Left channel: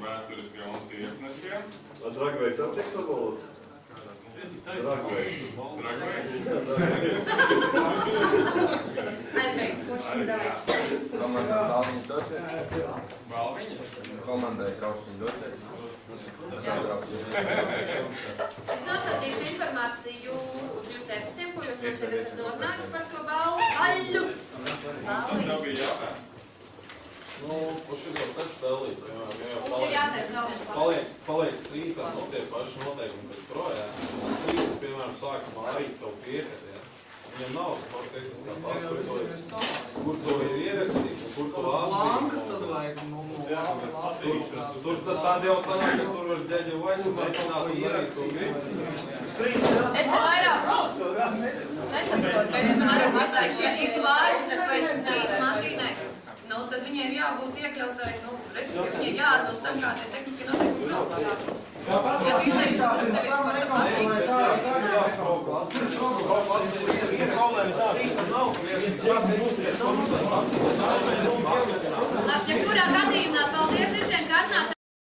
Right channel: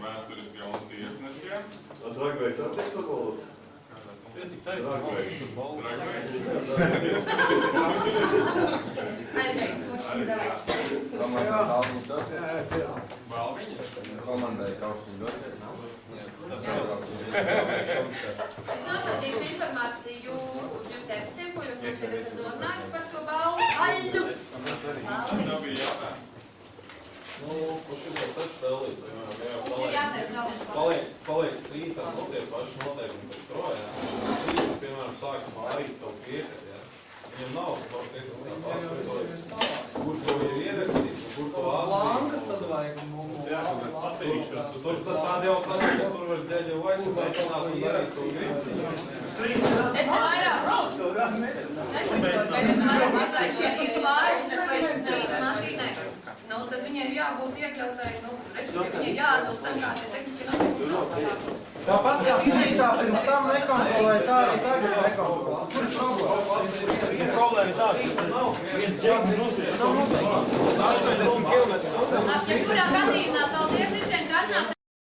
mani vēsturiski un iesnešiem. Dragveids attiek to valodu? Dragveids. Komandai Balviņas dosies? Balviņas? Komandai Kraušiņas dosies? Es nosūtīšu informāciju uz jūsu e-pastiem, ko jūs man šeit esat norunājuši par to balvu. Aļu! Tas tev bija jautājums. Nu, par šito taču dalīt, piemēram, Un ir jātais galvas. paliek strītā, nu, tie paši noteikumi pēc projām. Strītas, piemēram, sāk mārīt savu piekati, ja. Viņam nav sportiskās kā paskatojas, kur to ir ierakstīt, un kur to Lankas tad vajag, Tur tādi jau sanāk, ka tur var ģeģi vaisu mēģināt un darīt to gribu. Es te vairāk nesaprotu, bet es vairāk mazliet šie ir klājas, ko es strīdu mašīnai. Nu, tad viņai ir jābūt iekļautai, nu, respektīvi, viņai jāatbilst tam, kā tie tehniski notiekumi nav. Tāpat kā sniegtā pirms tam nekontrolē tā nekontrolē. Jebkurā gadījumā, paldies